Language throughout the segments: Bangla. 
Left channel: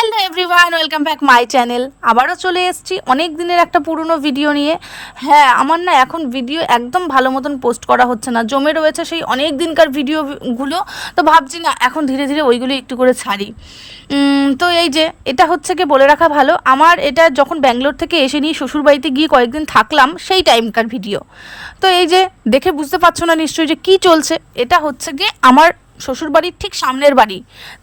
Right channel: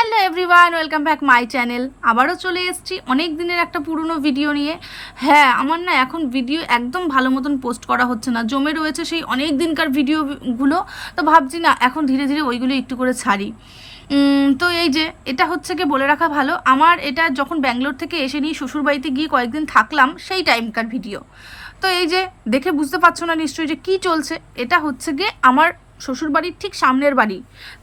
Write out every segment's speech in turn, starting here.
Hello everyone, welcome back my channel. আবারও চলে এসেছি অনেক দিনের একটা পুরনো ভিডিও নিয়ে। হ্যাঁ, আমার না এখন ভিডিও একদম ভালো মতন পোস্ট করা হচ্ছে না, জমে রয়েছে সেই অনেক দিনকার ভিডিওগুলো। তো ভাবছি না এখন ধীরে ধীরে ওইগুলো একটু করে ছাড়ি। তো এই যে এটা হচ্ছে কি বলে রাখা ভালো, আমার এটা যখন ব্যাঙ্গালোর থেকে এসে নিয়ে শ্বশুরবাড়িতে গিয়ে কয়েকদিন থাকলাম সেই টাইমকার ভিডিও। তো এই যে দেখে বুঝতে পারছো না নিশ্চয়ই যে কী চলছে। এটা হচ্ছে গিয়ে আমার শ্বশুরবাড়ির ঠিক সামনের বাড়ি,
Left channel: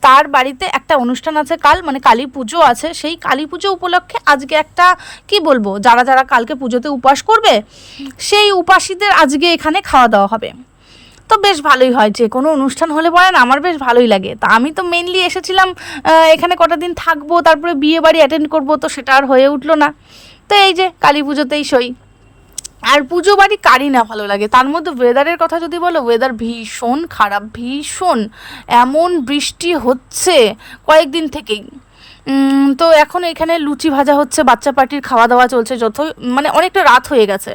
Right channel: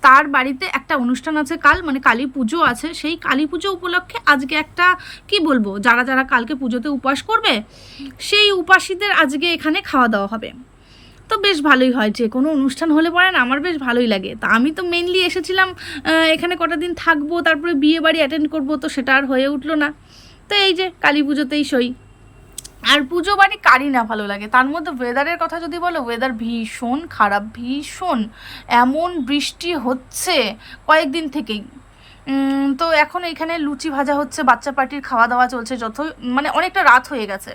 তার বাড়িতে একটা অনুষ্ঠান আছে কাল, মানে কালী পুজো আছে। সেই কালী পুজো উপলক্ষে আজকে একটা কি বলবো, যারা যারা কালকে পুজোতে উপাস করবে সেই উপাসীদের আজকে এখানে খাওয়া দাওয়া হবে। তো বেশ ভালোই হয়, যে কোনো অনুষ্ঠান হলে পরে না আমার বেশ ভালোই লাগে। তা আমি তো মেনলি এসেছিলাম এখানে কটা দিন থাকবো, তারপরে বিয়ে বাড়ি অ্যাটেন্ড করবো, তো সেটা আর হয়ে উঠলো না। তো এই যে কালী পুজোতেই সই। আর পুজো বাড়ি কারই না ভালো লাগে, তার মধ্যে ওয়েদারের কথা যদি বলো, ওয়েদার ভীষণ খারাপ, ভীষণ। এমন বৃষ্টি হচ্ছে কয়েকদিন থেকেই। তো এখন এখানে লুচি ভাজা হচ্ছে, বাচ্চা পার্টির খাওয়া দাওয়া চলছে, যত মানে অনেকটা রাত হয়ে গেছে।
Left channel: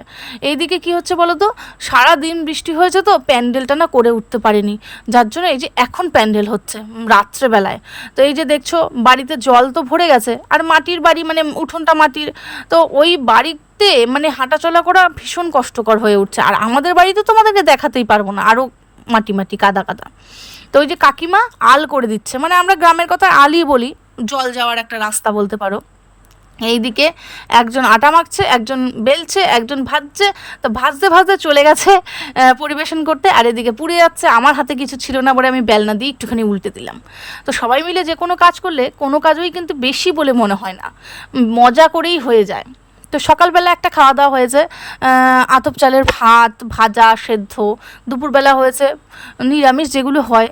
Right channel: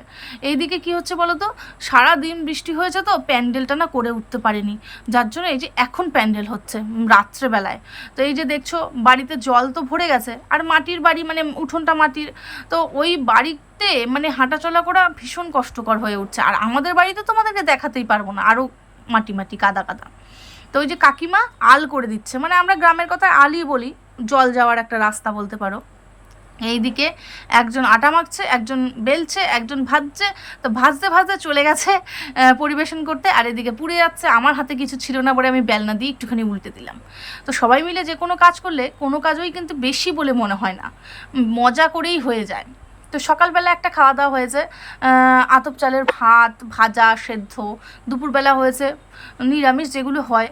এইদিকে কি হচ্ছে বলো তো, সারা দিন বৃষ্টি হয়েছে তো প্যান্ডেলটা না করে উঠতে পারেনি, যার জন্য এই যে এখন প্যান্ডেল হচ্ছে রাত্রেবেলায়। তো এই যে দেখছো বাড়িতে জল তো ভরে গেছে, আর মাটির বাড়ি মানে উঠোনটা মাটির। তো ওই বাড়িতে মানে হাঁটাচলা করা ভীষণ কষ্টকর হয়ে উঠছে। আর আমাদের বাড়িতে তোমাদেরকে দেখাতেই পারবো না, আরও মাটি মাটি কাদা কাদা। তো ওই যে কাকিমা আল করে দিচ্ছে, মানে আমরা গ্রামের কথা আলই বলি, জল যাওয়ার একটা রাস্তা বলতে পারো। এইদিকে একজন আটা মাখছে, একজন বেলছে, একজন ভাজছে। তো ভাজতে ভাজতে চলে গেছে পরিবেশন করতে, আর এদিকে পুড়ে যাচ্ছে। আমার হাতে কিছু ছিল না বলে আমি বেলনা দিয়ে একটুখানি উল্টে দিলাম। তো সবাই মিলে যে কোনো কাজ করলে কোনো কাজই কিন্তু বেশি বলে মনে হয় না, মজা করেই হয়ে যায়। তো সকালবেলা একটা খাওয়া দাওয়া হয়েছে, আতপ চালের ভাত, ভাজা, সেদ্ধ। দুপুরবেলা হয়েছে নিরামিষ যেগুলো হয়,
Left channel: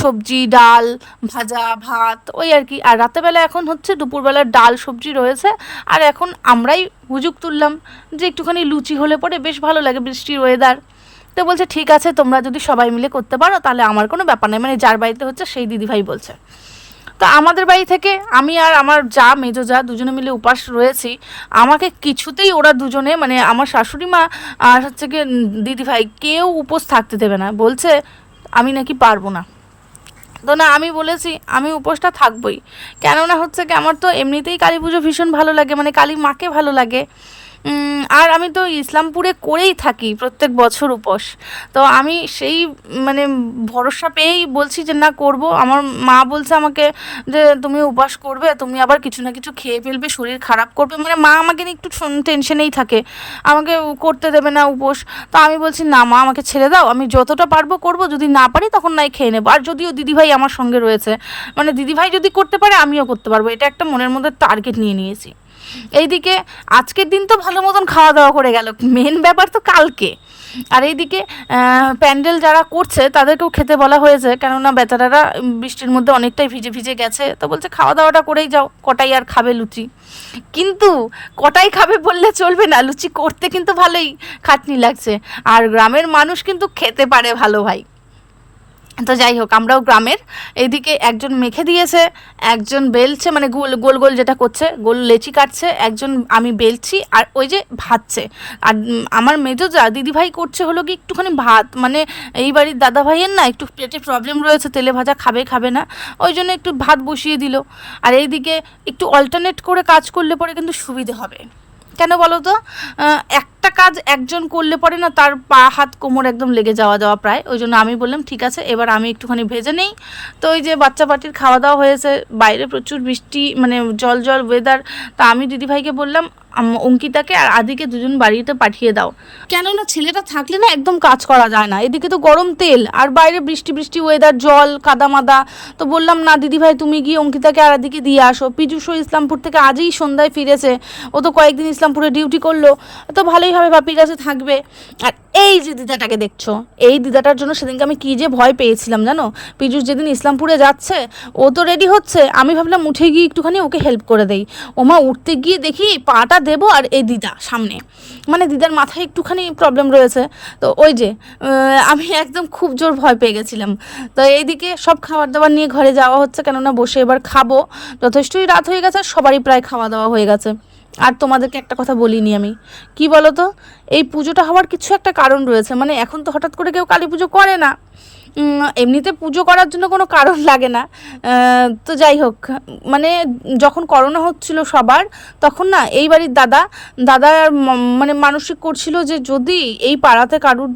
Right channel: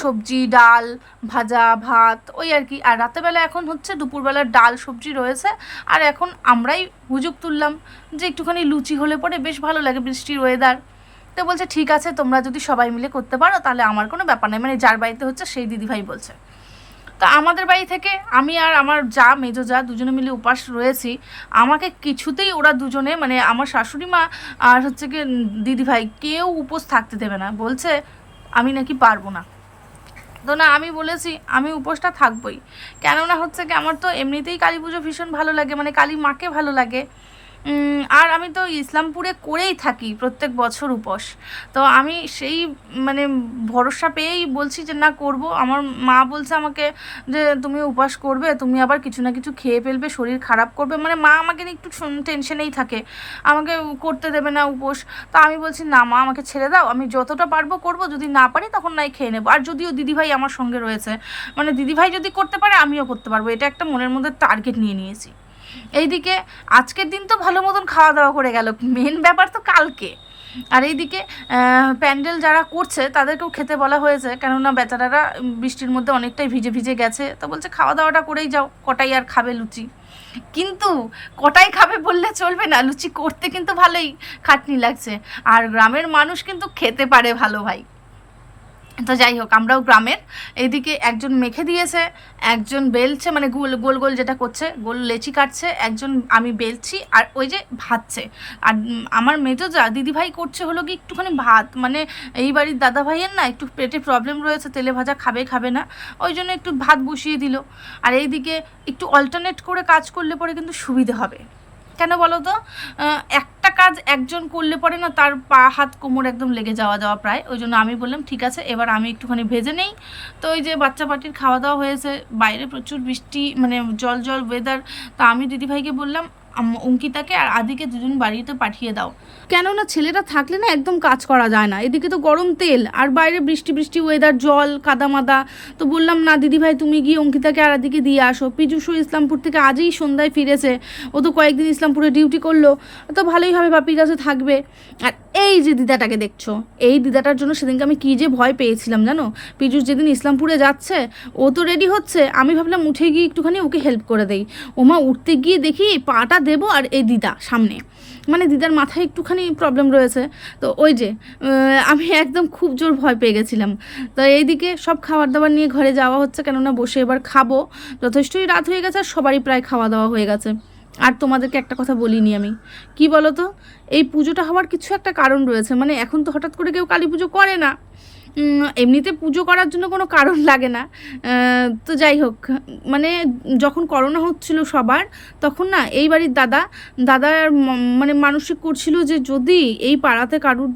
সবজি, ডাল, ভাজা, ভাত, ওই আর কি। আর রাতেরবেলা এখন হচ্ছে দুপুরবেলার ডাল সবজি রয়েছে। আর এখন আমরাই হুজুগ তুললাম যে একটুখানি লুচি হলে পরে বেশ ভালো লাগে, বৃষ্টির ওয়েদার। তো বলছে ঠিক আছে, তোমরা যদি সবাই মিলে করতে পারো তাহলে আমার কোনো ব্যাপার নেই, মানে যার বাড়িতে হচ্ছে সেই দিদিভাই বলছে। তো আমাদের বাড়ি থেকে আমি আর আমার যা, মেজো যা, দুজনে মিলে উপাস রয়েছি। আমাকে কিছুতেই ওরা দুজনে, মানে আমার শাশুড়ি মা আর হচ্ছে গিয়ে দিদিভাই, কেউ উপোস থাকতে দেবে না, বলছে আমি নাকি পারবো না। তো না, আমি বলেছি আমি উপোসটা থাকবই। কেননা হচ্ছে কি, আমার তো এমনিতেই কালী পুজো ভীষণ ভালো লাগে, মানে কালী মাকে ভালো লাগে। আর আমি তো ইসলামপুরে করেই থাকি প্রত্যেক বছর উপোস। তো আমি সেই মানে ভরসা পেয়েই বলছি যে না করব। আমার মা বলছে আমাকে যে তুমি উপোস করবে, তুমি আবার কিছু না কিছু খেয়ে ফেলবে, শরীর খারাপ করবে, মানে মা আমাকে নিয়ে একটু টেনশনেই থাকে, আমাকে করতে দেবে না উপোস। তা আমি বলছি না মা, আমাকে ছেড়ে দাও, আমি যতটা পারবো করবো, যদি না পারি তখন নাই খেয়ে নেবো। আর যদিও দিদিভাই আমার সঙ্গে রয়েছে, মানে দিদিভাই যদি করতে পারে আমিও করতে পারবো, এটা একটা মনের মধ্যে টার্গেট নিয়ে নিয়েছি। এইদিকে আজকের দিন তো ভালো মতন খাওয়া দাওয়া করে গেল, মেন ব্যাপার তো কালকে। আর এইদিকে প্যান্ডেল যারা করছে তাদেরকেও খেতে বলা হয়েছে, কেননা বেচারারা বৃষ্টির মধ্যে অনেকটাই ভিজে ভিজে গেছে। তো বলছে খাওয়া দাওয়াটা করেই যাও, কটাই আর খাবে লুচি। কিন্তু কটাই খাবে বললে চলবে না, লুচি করতে কিন্তু ভালোই খাটনি লাগছে। আর গ্রামের মানুষ কিন্তু খেতে পারে ভালো ভাই। তো যাই হোক, আমরাও গ্রামের। এইদিকে একজন মেখে দিয়েছে, একজন বেলছে, মানে গোল গোল গোল যেটা করছে, গোল লেচি কাটছে, একজন আমি বেলছি, আর ওই যে ভাজছে। আর আমার মেজো যা দিদিভাই করছে হলো কি একটুখানি ভাত, মানে এই বাড়ির দাদা ভাইয়ের না একটু পেটে প্রবলেম রয়েছে, তেলে ভাজা খাবে খাবে না, ওই জন্য একটু ভাত বসিয়ে দিল। আর এইদিকে একটু অল্টারনেট করে কাজ করলে পরে কিন্তু সুবিধে হবে। কেন বলো তো, একটা কাজ একজন করলে পরে না তার পা হাত কোমর একদম লেগে যাওয়া যাওয়া প্রায়। ওই জন্য আমি বললাম ঠিক আছে, এবার আমি একটুখানি ভেজে নেই। তো ওই যে বাচ্চা পার্টির খাওয়া দাওয়া হয়েছে, বাইরে প্রচুর বৃষ্টি, মানে জল জল ওয়েদার। তা আমি দিদিভাইকে বললাম অঙ্কিতাকে আর আদিকে দুজন বাড়িতে পাঠিয়ে দাও, কেননা ছেলেটা থাকলে না একদম কাজ করা যায় না। এদিকে তো গরম তেল, আর বাইরে বৃষ্টি বৃষ্টি ওয়েদার, জল কাদা মাদা। তো বললাম না দিদিভাই, তুমি গিয়ে অঙ্কিতাকে আর আদিকে দিয়ে আসো। পীযূষও ইসলামপুর থেকে আজই সন্ধ্যায় ফিরেছে, ও তো কয়েকদিন ইসলামপুরে ডিউটি করলো, তো ভালোই হবে, বাপির কাছে থাকবে। আর এই যে দিদাটাকে দেখছো, এই দিদাটার জন্য সেদিনকে আমি কী যে ভয় পেয়েছিলাম জানো। পীযূষ যেদিন ইসলামপুরে যাচ্ছে, ও তো রেডি হচ্ছে, আমি ভাবলাম উঠে গিয়ে একটুখানি ওকে হেল্প করে দেই। ওমা উঠতে গিয়ে দেখি পাটা দেবো, আর এই দিদা সামনে, মানে দিদার মাথায় একটুখানি প্রবলেম রয়েছে। তো ওই যে আমি একদম খুব জোর ভয় পেয়ে গেছিলাম। তো এইদিকে সব খাবার দাবার নিয়ে ঘরে যাওয়া হচ্ছে, কেননা বসে এবার খাবো। যথেষ্টই রাত হয়ে গেছে, সবারই প্রায় খাওয়া দাওয়া হয়ে গেছে। আর তোমাদেরকে একটা কথা বলিনি আমি, কি বলো তো, এই পুজোটা হওয়ার কিছু একটা কারণ রয়েছে। মানে এখন তো হঠাৎ করে কেউ কালী পুজো করে না, এমনিতে পুজো করার জন্য কোনো কারণ লাগে না। তো যাই হোক, মানে যখন করোনা হচ্ছিল সবার, তখন না এই বাড়ির দাদা মানে মানসিক করছিল যে যদি এই পাড়াতে কারুর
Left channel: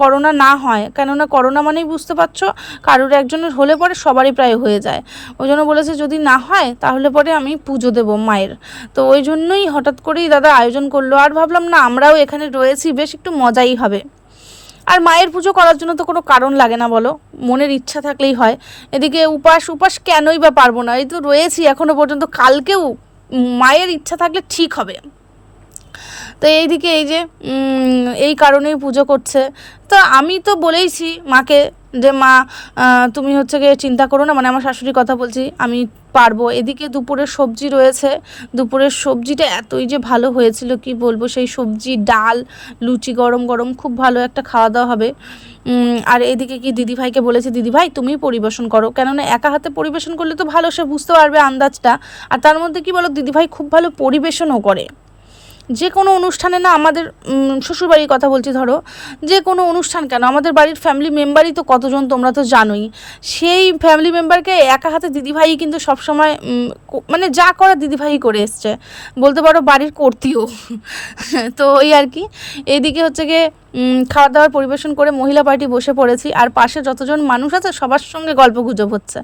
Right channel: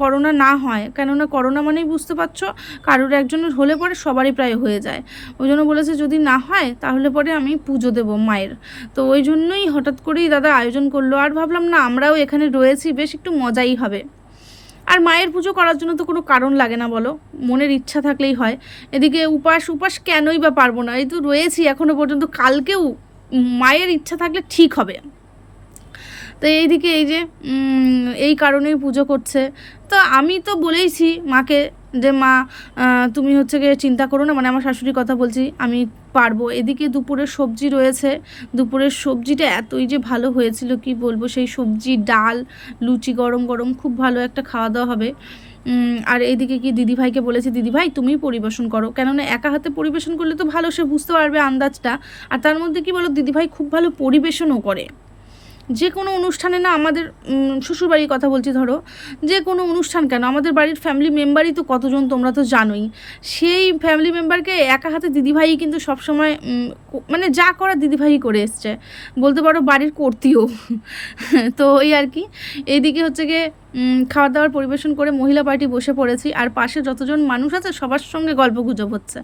করোনা না হয়, কেননা করোনা মানেই বুঝতে পারছো কারুর একজনের হলে পরে সবারই প্রায় হয়ে যায়, ওই জন্য বলেছে যদি না হয় তাহলে পরে আমি পুজো দেব মায়ের। তো ওই জন্যই হঠাৎ করেই দাদা আয়োজন করলো, আর ভাবলাম না আমরাও এখানে রয়েছি, বেশ একটু মজাই হবে। আর মায়ের পুজো করার জন্য তো কোনো কারণ লাগে না বলো, মনের ইচ্ছা থাকলেই হয়। এদিকে উপাস কেনই বা পারবো না, এই তো রয়েছি এখনো পর্যন্ত, কালকেও মায়ের ইচ্ছা থাকলে ঠিক হবে। তো এইদিকে এই যে এই কারণেই পুজো করছে। তো আমি তো বলেইছি মাকে যে মা তুমি হচ্ছে গিয়ে চিন্তা করো না, মানে আমার শাশুড়ির কথা বলছি, আমি পারবো। এদিকে দুপুরের সবজি রয়েছে, দুপুরের সবজিটা এতই যে ভালো হয়েছিল কি বলবো, সেই সবজি ডাল লুচি গরম গরম খুব ভালো একটা খাওয়া দাওয়া হবে। আর এদিকে কি দিদিভাইকে বলেছি, দিদিভাই তুমি পরিবেশন করো, কেননা একা হাতে পরিবেশন করলে তো ভালো, সে বুঝতে পারবে আন্দাজটা। আর তার মধ্যে কি বলো, দিদিভাই খুব ভালো পরিবেশনও করে। যে কোনো অনুষ্ঠানে না আমাদের শ্বশুরবাড়ির কথা বলছি, ধরো যে কোনো অনুষ্ঠান কেন, আমাদের বাড়ির ফ্যামিলি মেম্বারই তো কতজন তোমরা তো জানোই, সেই ফ্যামিলি মেম্বারকে একা হাতে দিদিভাই কিন্তু সবসময় মানে যা করা দিদিভাই করে এসছে, বলতে পারো বাড়ির কর্তীও। তো ওই আর কি, এইদিকে হচ্ছে গিয়ে খাওয়া দাওয়ার পরিবেশন করে মহিলা পার্টি বসে পড়েছি, আর পাশে যতজন মানুষ আছে সবার সঙ্গে গল্প গুজব হচ্ছে।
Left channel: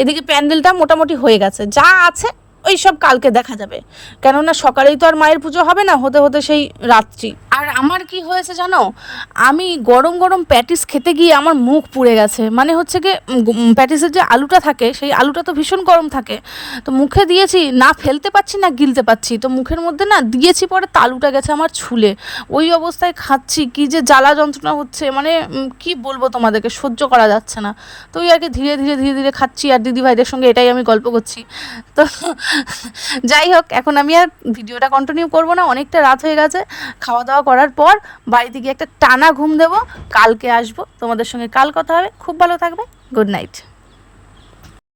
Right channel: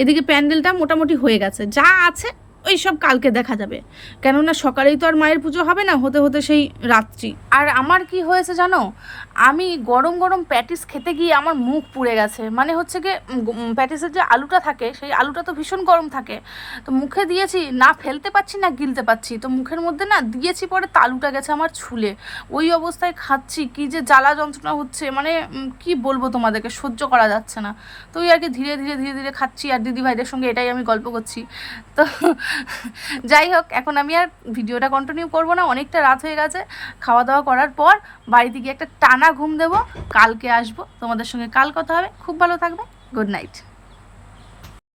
এদিকে প্যান্ডেলটা মোটামুটি হয়ে গেছে, যা আছে ওই সব কালকে দেখা যাবে, কেননা সকালেই তো আর মায়ের পুজো হবে না, হতে হতে সেই রাত্রি। আর আমার কি হয়েছে জানো, আমি গরম গরম প্যাটিস খেতে গিয়ে আমার মুখ পুড়ে গেছে, মানে হচ্ছে গিয়ে প্যাটিসের যে আলুটা থাকে সেই আলুটা তো ভীষণ গরম থাকে, তো মুখে দিয়েছি, না ফেলতে পাচ্ছি না গিলতে পাচ্ছি, তো মুখের মধ্যে না দিয়েছি, পরে তালুটা গেছে আমার ছুলে, ওই অবস্থায় খাচ্ছি, কি যে জ্বালা যন্ত্রণা হচ্ছে, মানে কি বলবো তোমাদেরকে, সহ্য করা যাচ্ছে না। তো ওই আর কি ধীরে ধীরে ধীরে ধীরে খাচ্ছি, আর দিদিভাইদের সঙ্গে এটাই আমি গল্প করছি। তো যাই হোক, এখন আমি আর ভিডিওটা কন্টিনিউ করবো না, অনেকটা রাত হয়ে গেছে। খাওয়া দাওয়া করার পর বাড়িতে গিয়ে একটা টানা ঘুম দেবো, কালকে আসবো তোমাদের সঙ্গে, কাল কথা হবে। খুব ভালো থাকবে, গুড নাইট।